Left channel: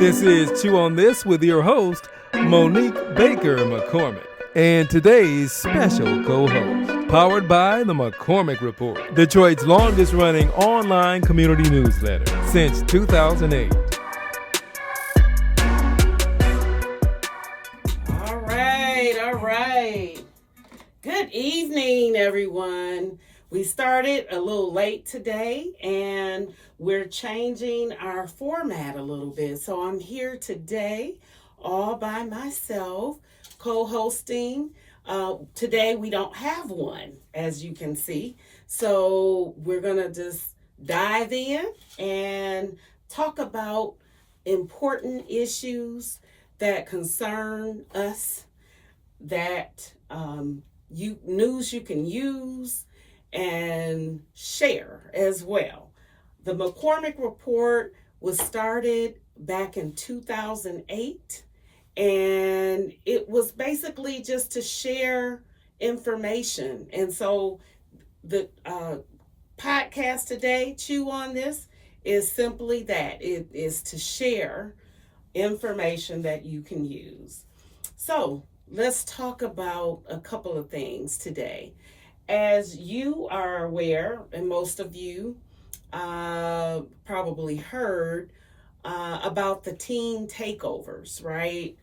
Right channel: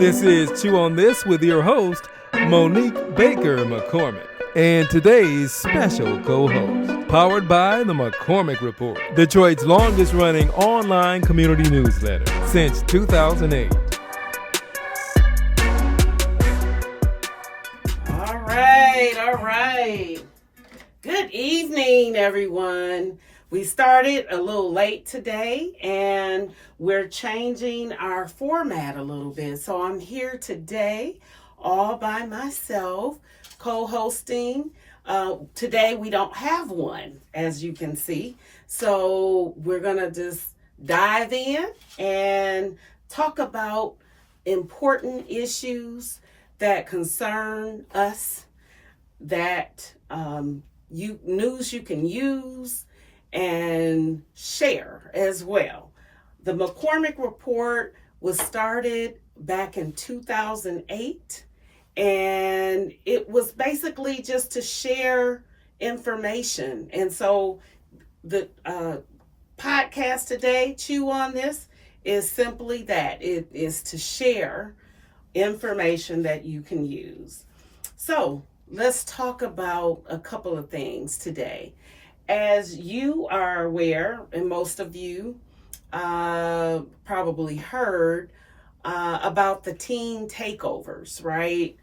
This is Chew on This with your host, Monique Baker McCormick, and today's special co-host, powered by the McCormick Report, Detroit's longest-running online community newsletter since 2008. All right. Good evening, everyone. We started a little late today, and we're changing our format a little bit. So I'm here today all by myself, co-hosting. Today we don't have one, as you can see. So we're going to just dive in and talk about important issues that concern us, that news you can use and share as well. The McCormick Report was started back in 2008, and it was basically just to share information. And so the podcast today, Chew on This, is simply that. It is to share information that you can use. So let's talk about a couple of things today. As you are aware, and most of you probably heard about the teen takeovers, right?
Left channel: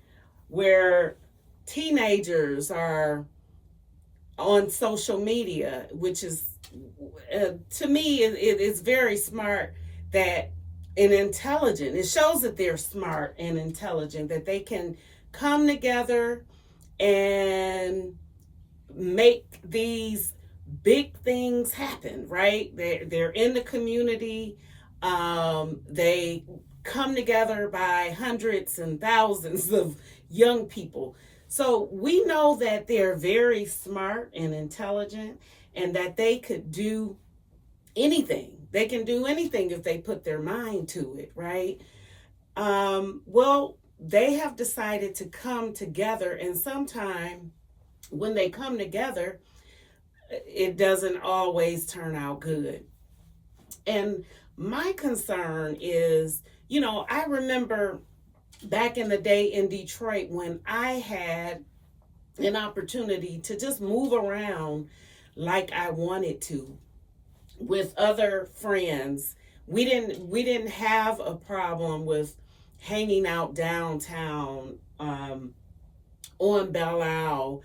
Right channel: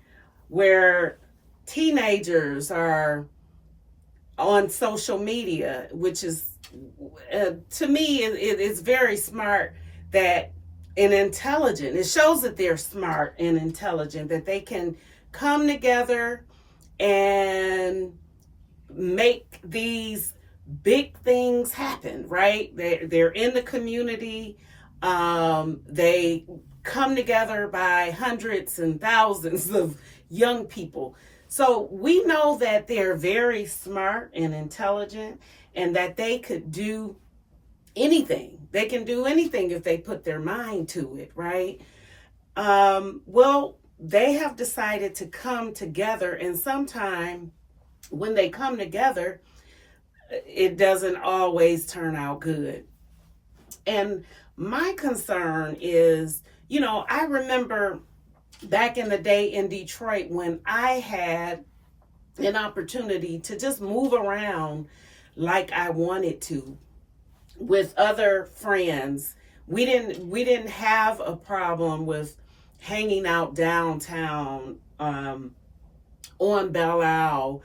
Where teenagers are on social media, which is, to me, it is very smart that and intelligent. It shows that they're smart and intelligent, that they can come together and make these big things happen, right? They're in the community. They come together by hundreds and thousands of young people. So we know that they're very smart and intelligent, and that they could do anything. They can do anything if they put their mind to it, right? Well, they have decided to come together, and sometime when they come together, it doesn't always turn out good. And my concern is, I remember back in the day in Detroit when I had an opportunity to just move around like I wanted to with other friends. We didn't have a problem with hanging out downtown on Belle Isle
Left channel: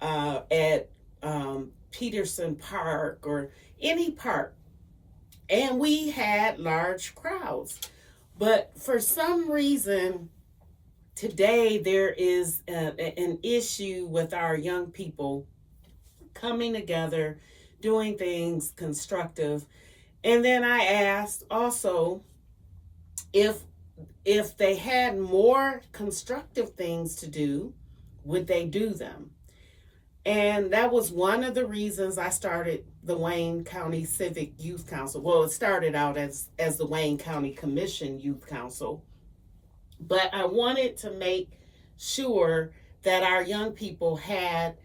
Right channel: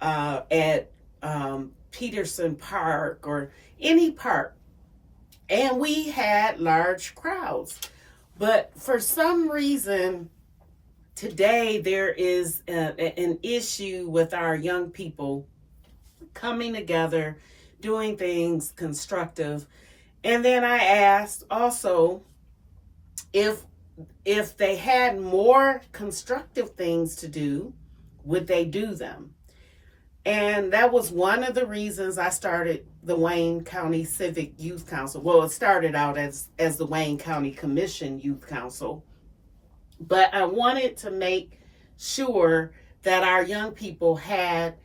at Peterson Park or any park, and we had large crowds. But for some reason today there is an issue with our young people coming together, doing things constructive. And then I asked also if they had more constructive things to do, would they do them? And that was one of the reasons I started the Wayne County Civic Youth Council. Well, it started out as the Wayne County Commission Youth Council. But I wanted to make sure that our young people had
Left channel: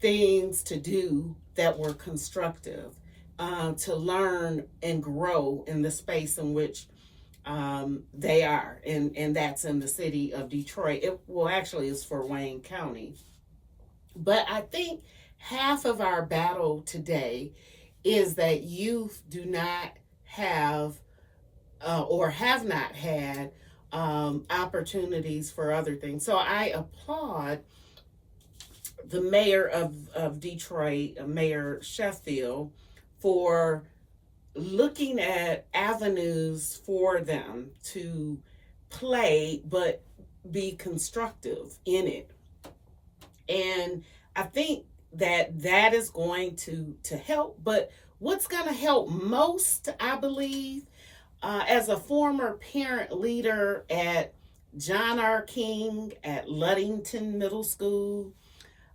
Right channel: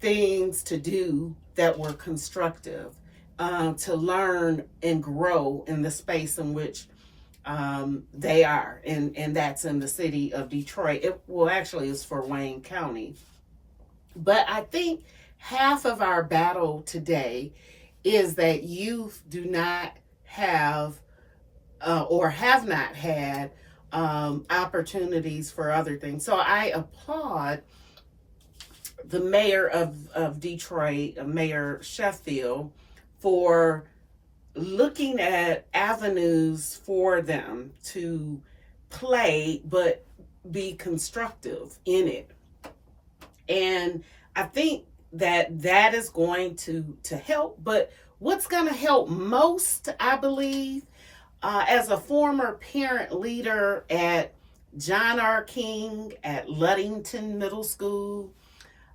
things to do that were constructive, to learn and grow in the space in which they are. And that's in the city of Detroit. Actually, it's for Wayne County. But I think half of our battle today is that youth do not have or have not had opportunities for other things. So I applaud the mayor of Detroit, Mayor Sheffield, for looking at avenues for them to play but be constructive in it. And I think that is going to help. But what's going to help most, I believe, as a former parent leader at John R. King, at Ludington Middle School,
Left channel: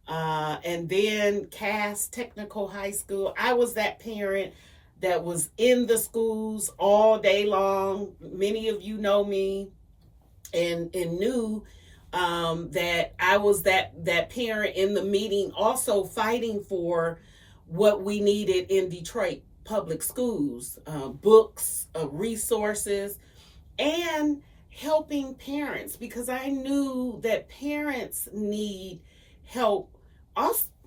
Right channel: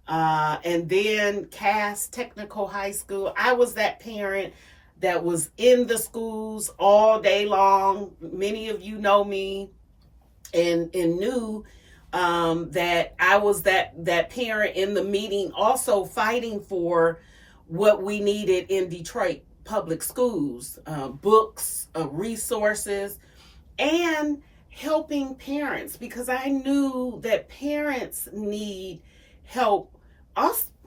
and then Cass Technical High School, I was that parent that was in the schools all day long. Many of you know me and knew that I was that parent in the meeting, also fighting for what we needed in Detroit public schools, books, resources, and helping parents, because I knew that parents need help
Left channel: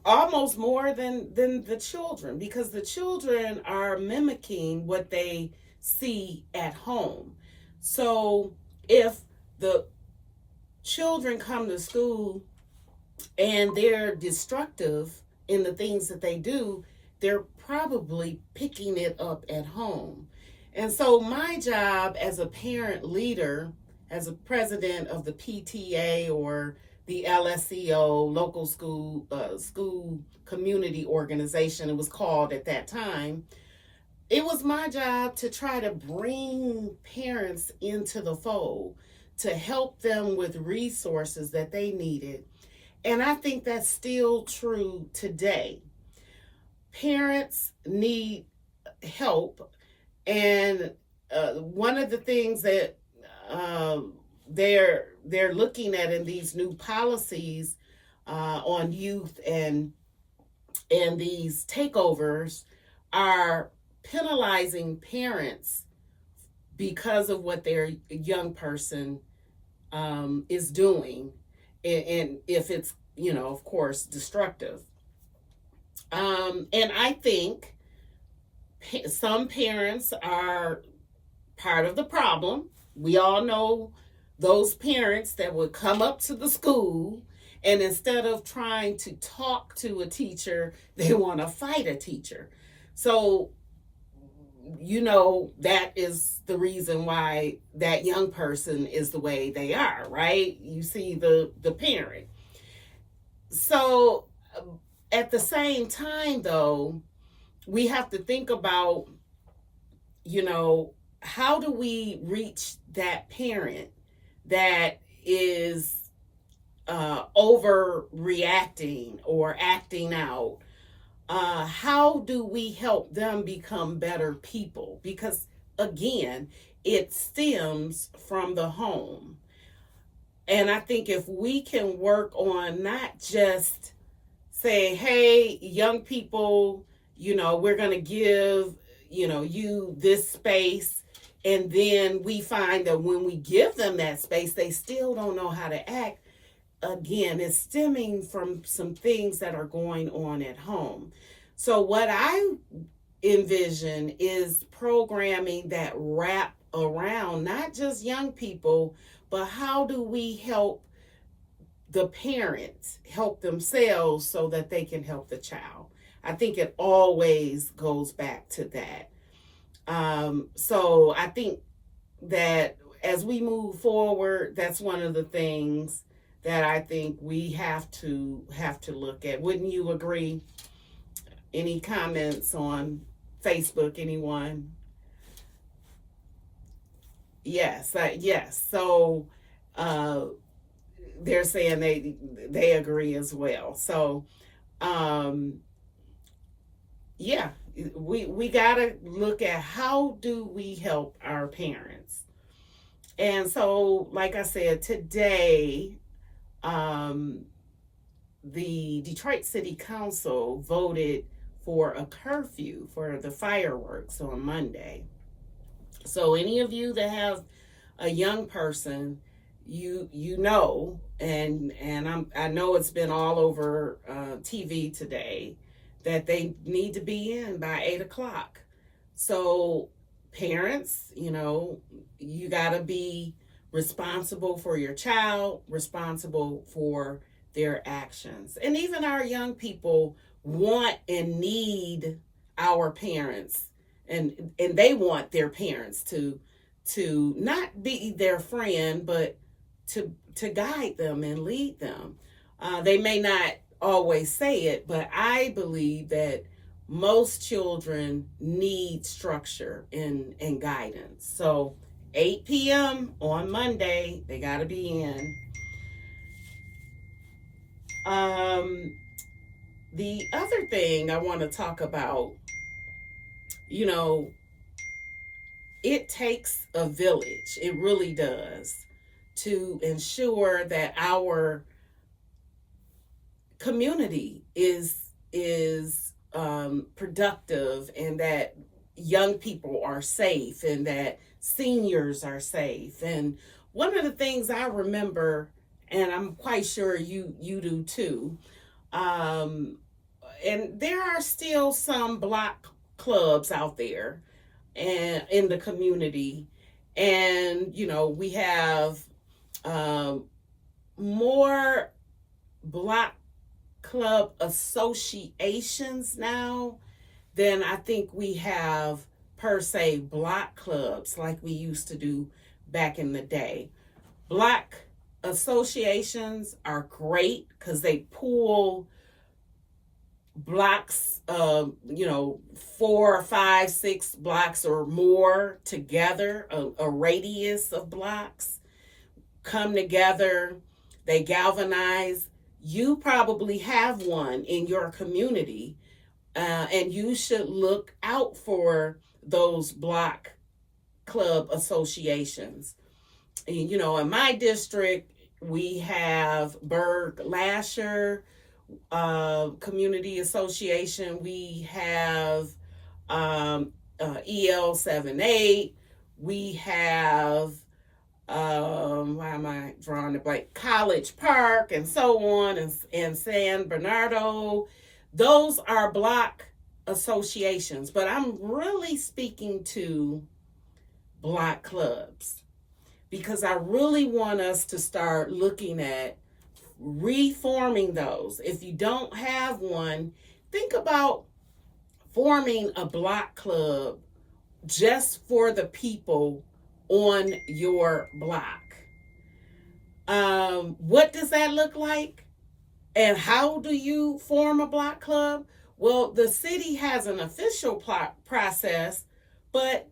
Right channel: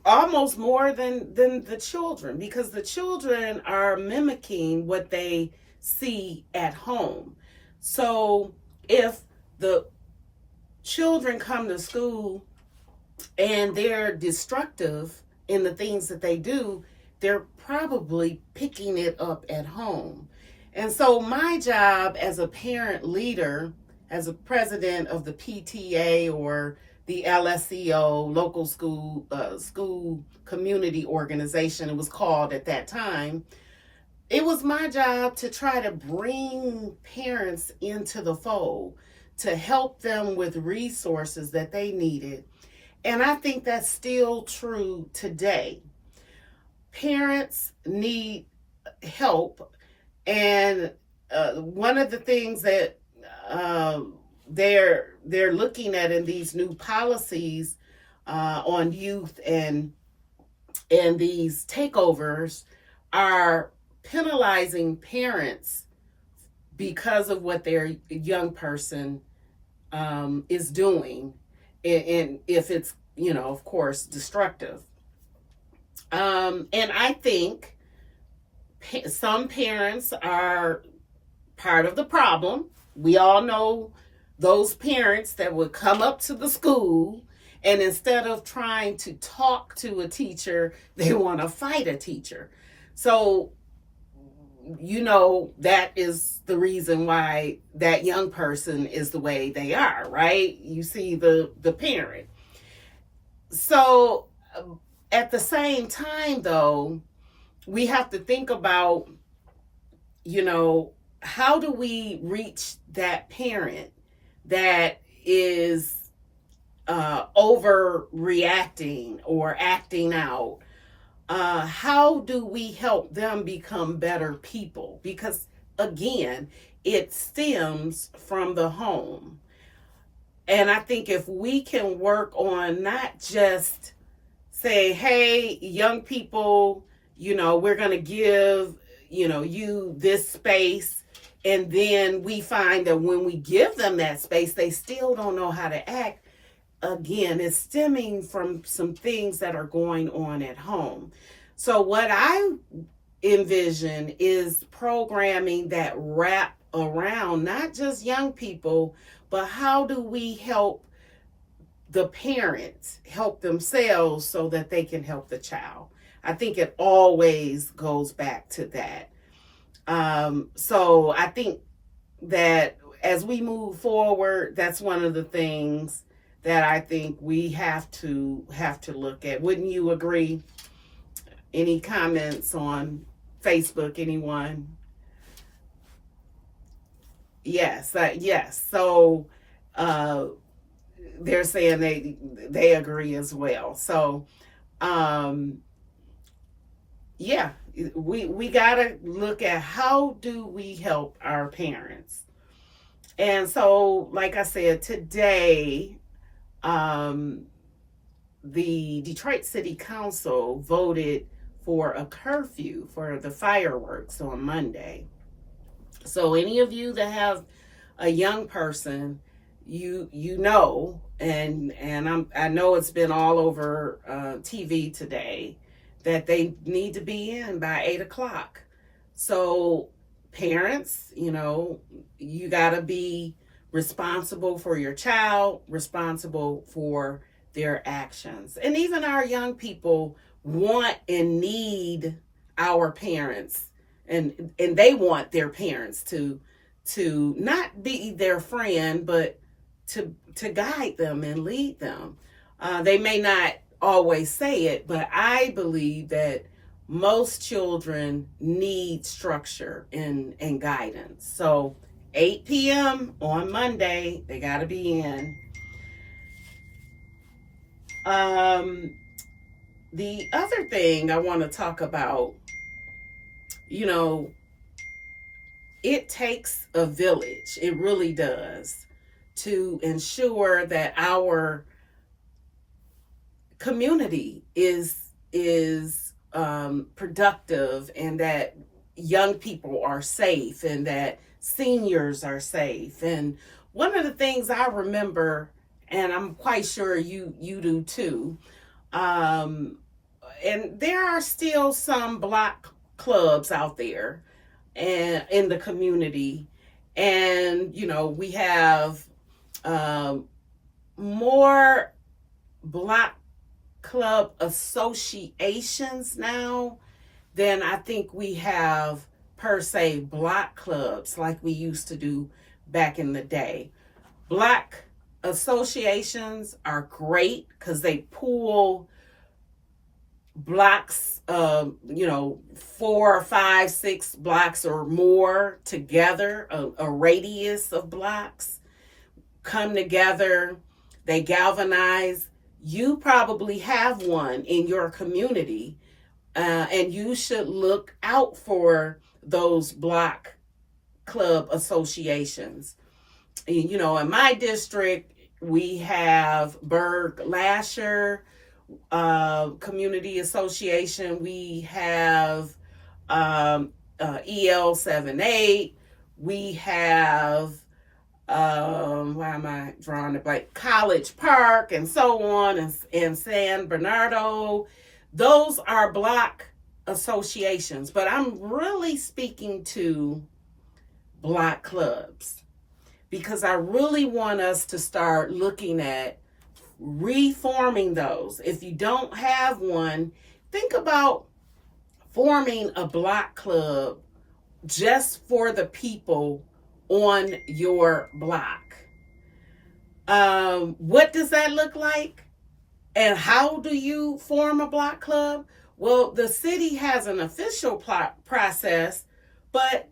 almost more than the children, because the children are mimicking what they see at home. So if the children come to school and they're destructive in the things that they do, they're probably picking it up at home. And so my job as a parent leader, as a president of the PTA or the LSEO, local school community organization, it was called at that time, it was my job to try to bring parents into the fold, to help them with resources that they needed. And I think that's still true today. Parents need help. And one of the things that they're looking at in these new policies on youth and these takeovers are penalizing parents because of what their young person is doing, and if it's, of course, destructive. And I think some parents are part of the problem. We all know those parents that would come up to the school, and instead of trying to talk to a teacher, they want to fight a teacher. So, that is the reason why that young person is the way they are, right? You see the parent. So at the same time, though, we have to think about, how do we reach that parent that is overreacting or acting out? How do we help them become better people? Because again, it stems from the home. And I think if we can work on not just say, hey, young people, we're going to give, you this space. And then we find that when we give them that space, they still don't know how to act. Again, it's stemming from some things that are going on at home. So what I envision is programming that wrap around not just young people, but how do we help the parents help themselves so that they can help the child? I think it always goes back to that. So I think that as we move forward, that's one of the things that I think we have to look at. Wouldn't you agree? Any comments on Facebook, anyone? Yes, yes. So they're saying they agree as well. So yeah, we gotta look at how do we help our parents. And so, like I said, today, the Detroit City Council voted for a curfew for the fireworks on Monday. So any of you that have a young person, you know, and I know it's been all over TV today, that they need to be in by 8:00. So parents, you got to be responsible for your child, responsible for their actions. And even our young people want and need our parents, and they want their parents to not be their friend, but to guide them and lead them. They may not always say it, but I believe that most children need structure and guidance. So 8 p.m. on Monday, they got to be in. The other thing I want to talk about, it takes a village. It really does, to ensure that our community is productive, and that young people are safe, and that seniors are safe. And one of the things I remember, and I'm quite sure you do too, um, and there are still some block clubs out there and in the community, and we have um, more block club associations now than I think we have per se block clubs like we used to do back in the day. Block associations are great because they pool blocks, 4, 5, 6 blocks or more together, a radius of blocks come together, they galvanize. You probably have one in your community, and you should look out for those block club associations. In my district, we have Berg Lasher Community Association. We have EL78. We have why am I drawing it blank? College Park and so on, and San Bernardo. Those are block associations, but I'm really speaking to block clubs because I really want us to start looking at reforming those. If you don't have one, think about forming a block club just for the people on your block. What does that look like? And how do you form a block club? Well, the city has an official process, but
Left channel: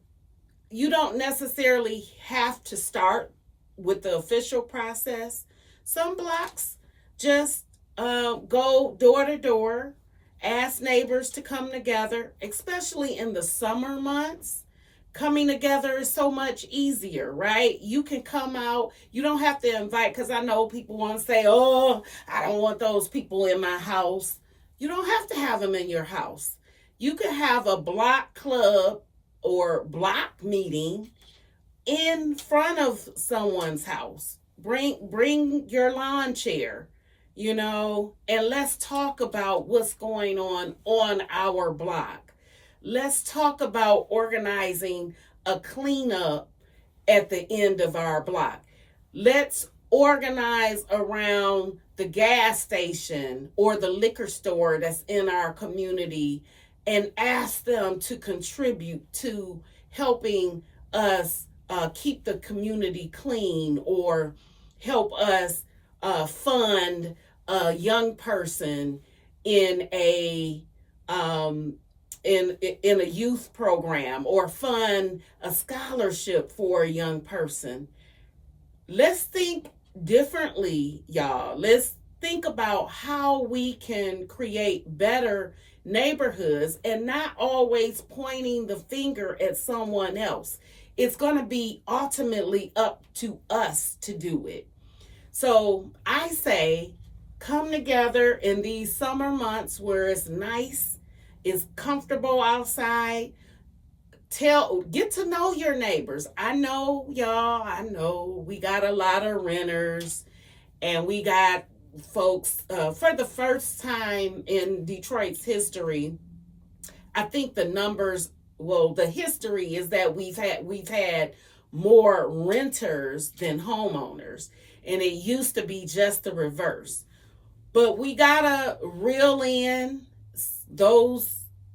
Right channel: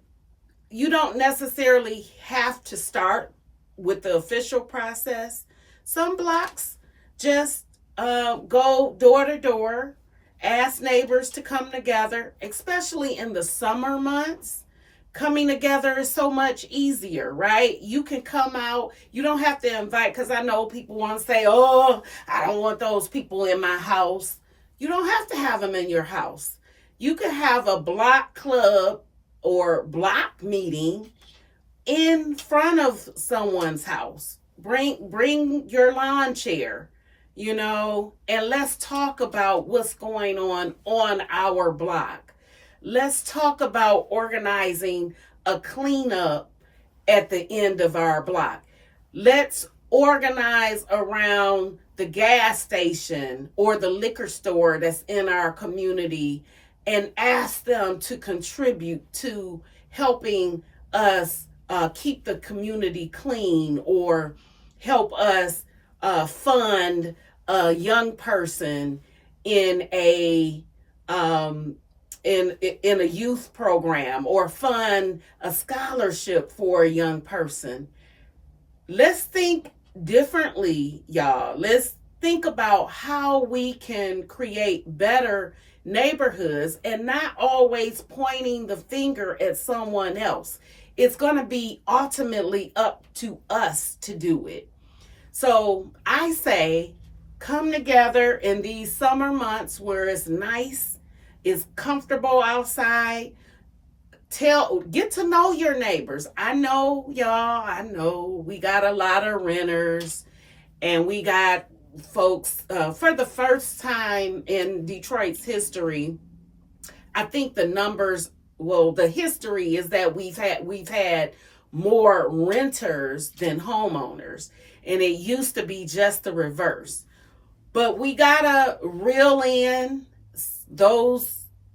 you don't necessarily have to start with the official process. Some blocks just go door to door, ask neighbors to come together, especially in the summer months. Coming together is so much easier, right? You can come out. You don't have to invite, because I know people want to say, oh, I don't want those people in my house. You don't have to have them in your house. You can have a block club or block meeting in front of someone's house. Bring your lawn chair, and let's talk about what's going on our block. Let's talk about organizing a cleanup at the end of our block. Let's organize around the gas station or the liquor store that's in our community and ask them to contribute to helping us keep the community clean, or help us fund a young person in a in a youth program, or fund a scholarship for a young person. Let's think differently, y'all. Let's think about how we can create better neighborhoods and not always pointing the finger at someone else. It's going to be ultimately up to us to do it. So I say, come together in these summer months where it's nice, it's comfortable outside. Get to know your neighbors. I know, y'all, we got a lot of renters, and we got folks, for the first time in Detroit's history, I think the history is that we've had more renters than homeowners, and it used to be just the reverse. But we gotta reel in those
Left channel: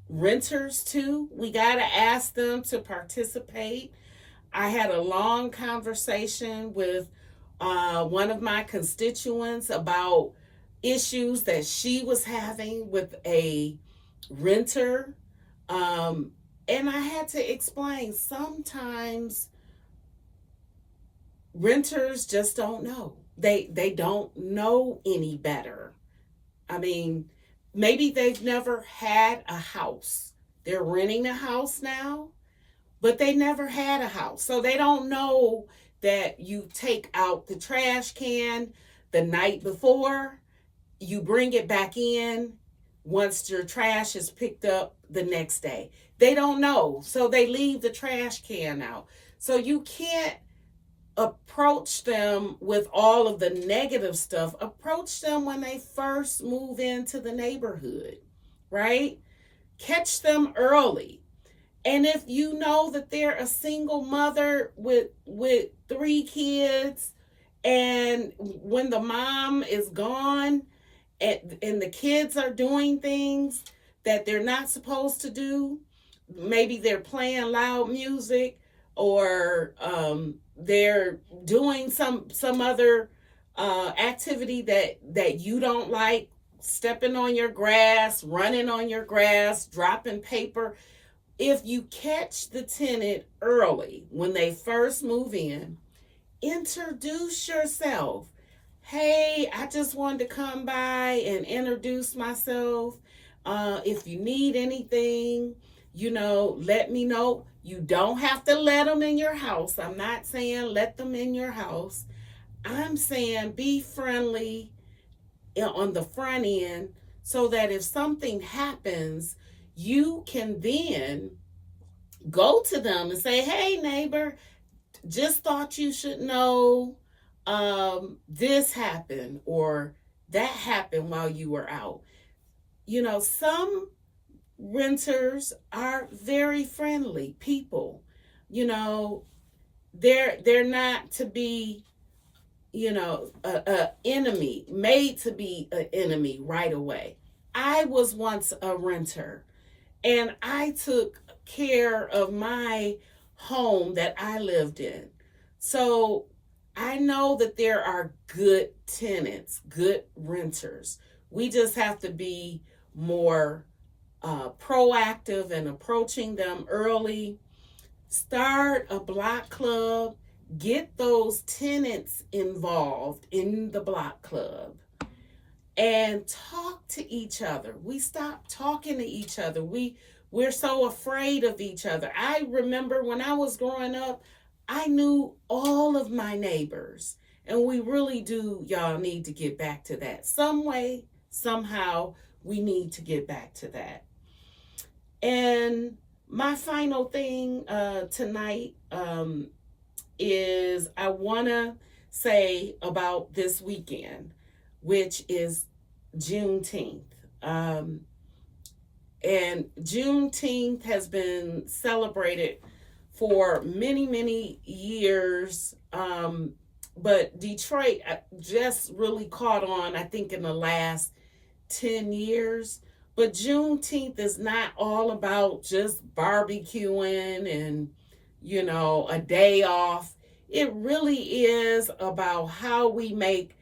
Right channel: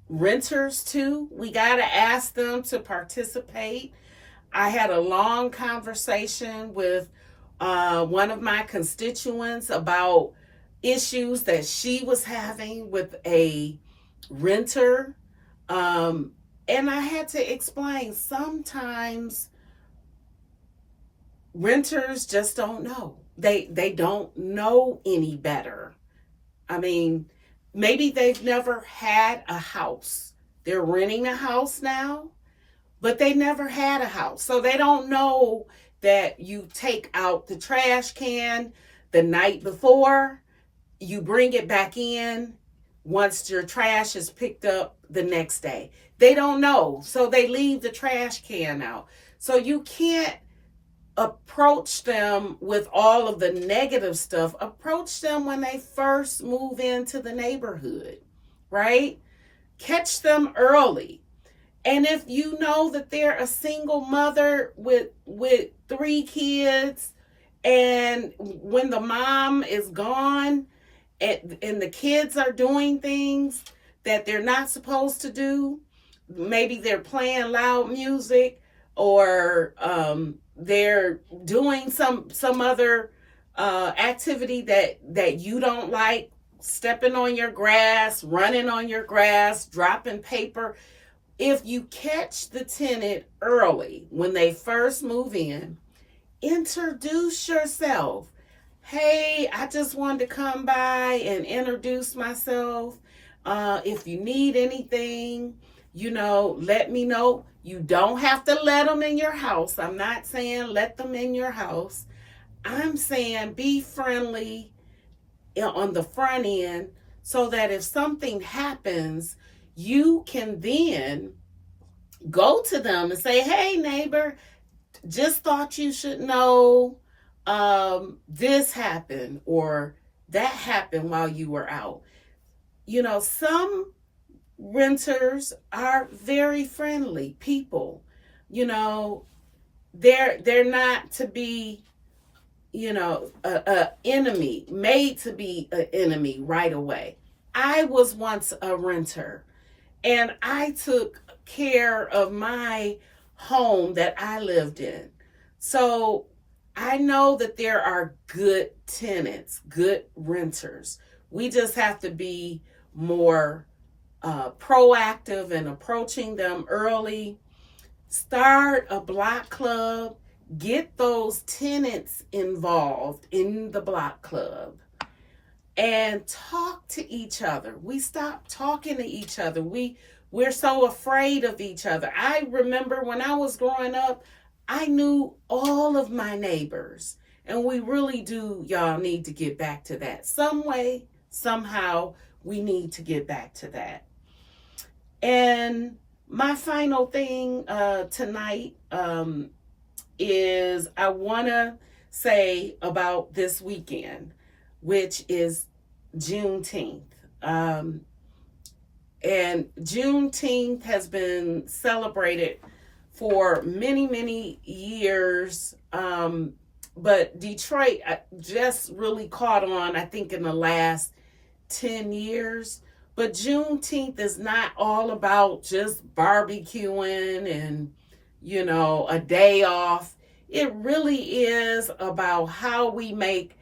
renters too. We gotta ask them to participate. I had a long conversation with one of my constituents about issues that she was having with a renter. And I had to explain, sometimes renters just don't know. They don't know any better. I mean, maybe they've never had a house. They're renting a house now, but they never had a house. So they don't know that you take out the trash can the night before, you bring it back in once your trash is picked up the next day. They don't know. So they leave the trash can out. So you can't approach them with all of the negative stuff. Approach them when they first move into the neighborhood, right? Catch them early. And if you know that they're a single mother with 3 kids, and when the mom is gone and the kids are doing things that they're not supposed to do, maybe they're playing loud music, or they're doing some other activity that you don't like, stepping on your grass, running on your grass, dropping paper. If you catch the tenant early when they first move in, introduce yourself. Hey, I just wanted to come by and introduce myself. If you need anything, let me know. You don't have to let them in your house. I'm not saying let them in your house. I'm saying be friendly on the front end, so that if something happens, you can then go to them and say, hey, neighbor, just thought you should know this happened or that happened while you were out. Some renters are very friendly people. They're not to be, a enemy, made to be an enemy right away. I was once a renter, and I took care of my home that I lived in. So I know that there are good tenants, good renters. We just have to be more proactive in approaching them early. Start a block club. Get those tenants involved in the block club and talk to each other. We stop talking to each other. We're so afraid of each other. I remember when I was growing up, I knew all of my neighbors, and we really do, y'all, need to get back to that. Some way, somehow, we need to get back to that. And my final thing tonight is I want to say about this weekend, which is Juneteenth. And Juneteenth has been celebrated for many, many years. But Detroit just really caught on, I think, in the last 10 years. But Juneteenth is not all about just barbecuing and, a day off. It really is about how we make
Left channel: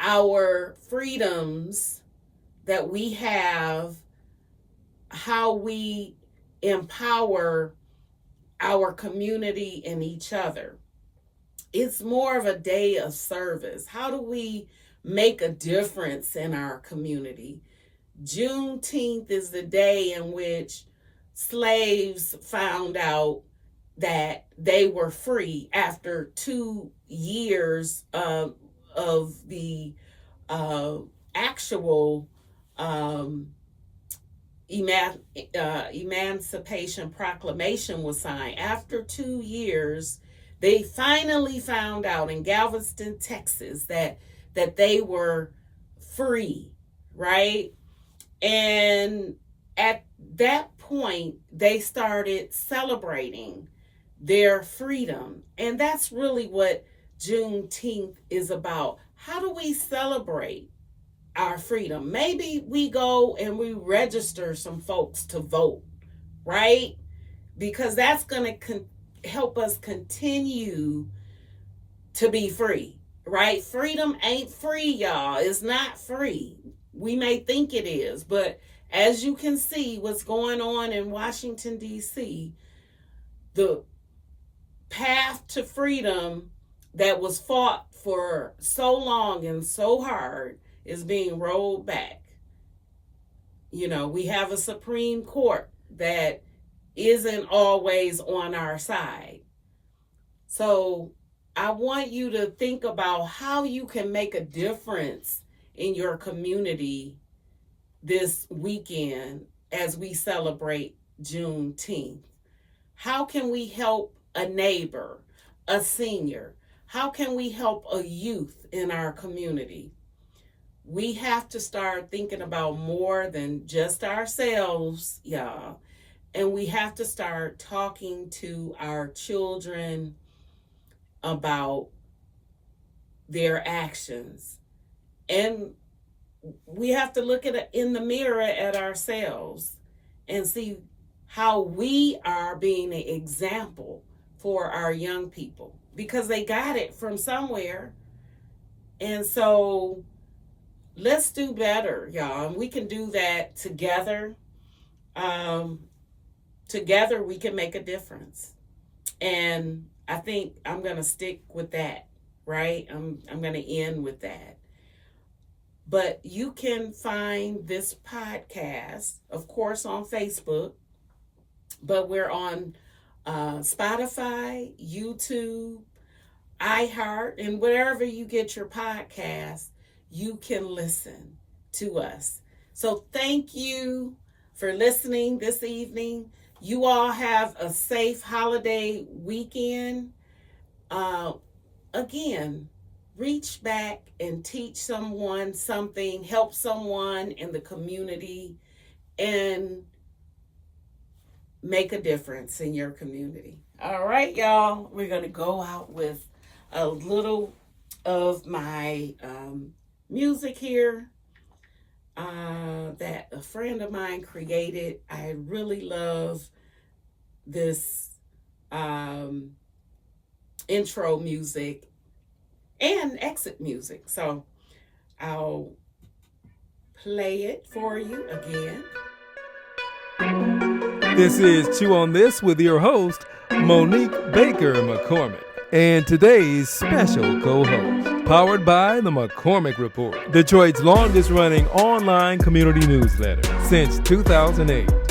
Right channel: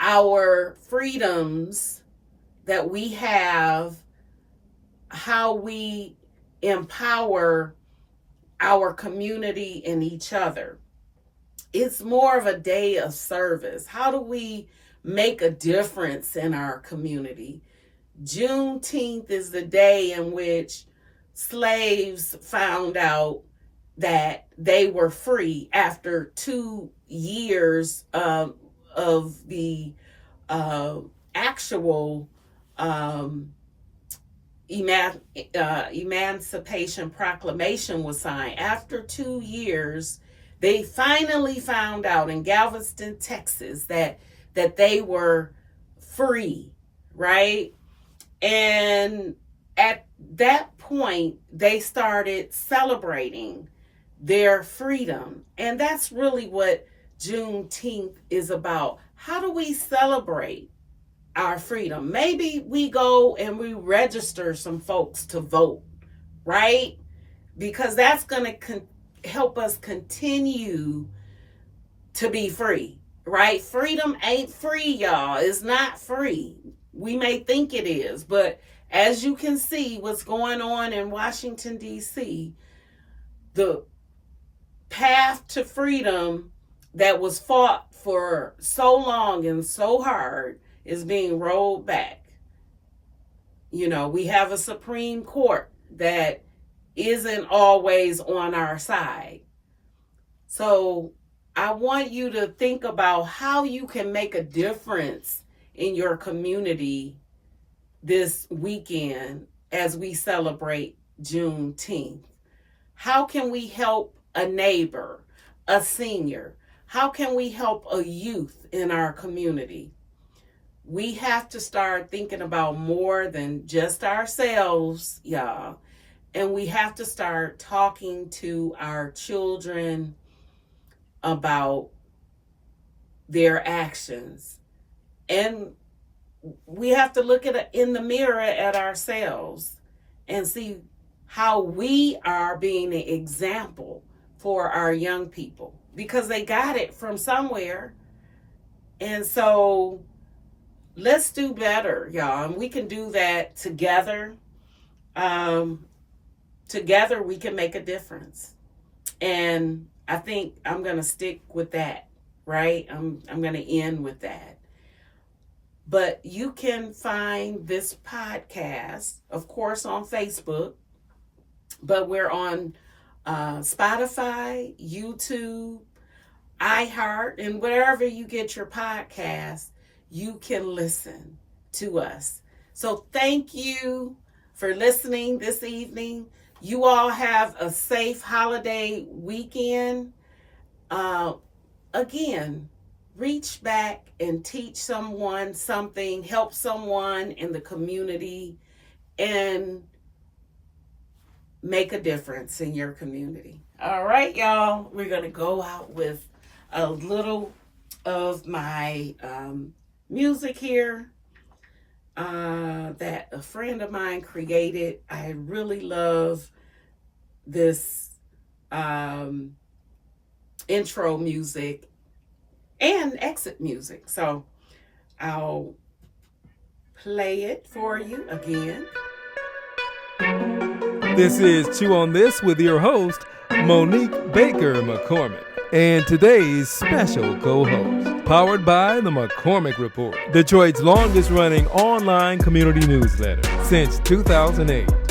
our freedoms that we have, how we empower our community and each other. It's more of a day of service. How do we make a difference in our community? Juneteenth is the day in which slaves found out that they were free after 2 years of the actual Emancipation Proclamation was signed. After 2 years, they finally found out in Galveston, Texas, that they were free, right? And at that point, they started celebrating their freedom. And that's really what Juneteenth is about. How do we celebrate our freedom? Maybe we go and we register some folks to vote, right? Because that's going to help us continue to be free, right? Freedom ain't free, y'all. It's not free. We may think it is, but as you can see what's going on in Washington, D.C., the path to freedom that was fought for so long and so hard is being rolled back. We have a Supreme Court that isn't always on our side. So I want you to think about how you can make a difference in your community this weekend as we celebrate Juneteenth. How can we help a neighbor, a senior? how can we help a youth in our community? We have to start thinking about more than just ourselves, y'all. And we have to start talking to our children about their actions. And we have to look in the mirror at ourselves and see how we are being an example for our young people, because they got it from somewhere. And so let's do better, y'all. And we can do that together. Together we can make a difference. And I think I'm going to stick with that, right? I'm going to end with that. But you can find this podcast, of course, on Facebook, but we're on Spotify, YouTube, iHeart, and wherever you get your podcast, you can listen to us. So thank you for listening this evening. You all have a safe holiday weekend. Again, reach back and teach someone something, help someone in the community, and make a difference in your community. All right, y'all, we're going to go out with a little of my music here that a friend of mine created. I really love this intro music and exit music. So I'll play it for you again. This is Chew on This with your host, Monique Baker McCormick, and today's special co-host, powered by the McCormick Report, Detroit's longest running online community newsletter since 2008.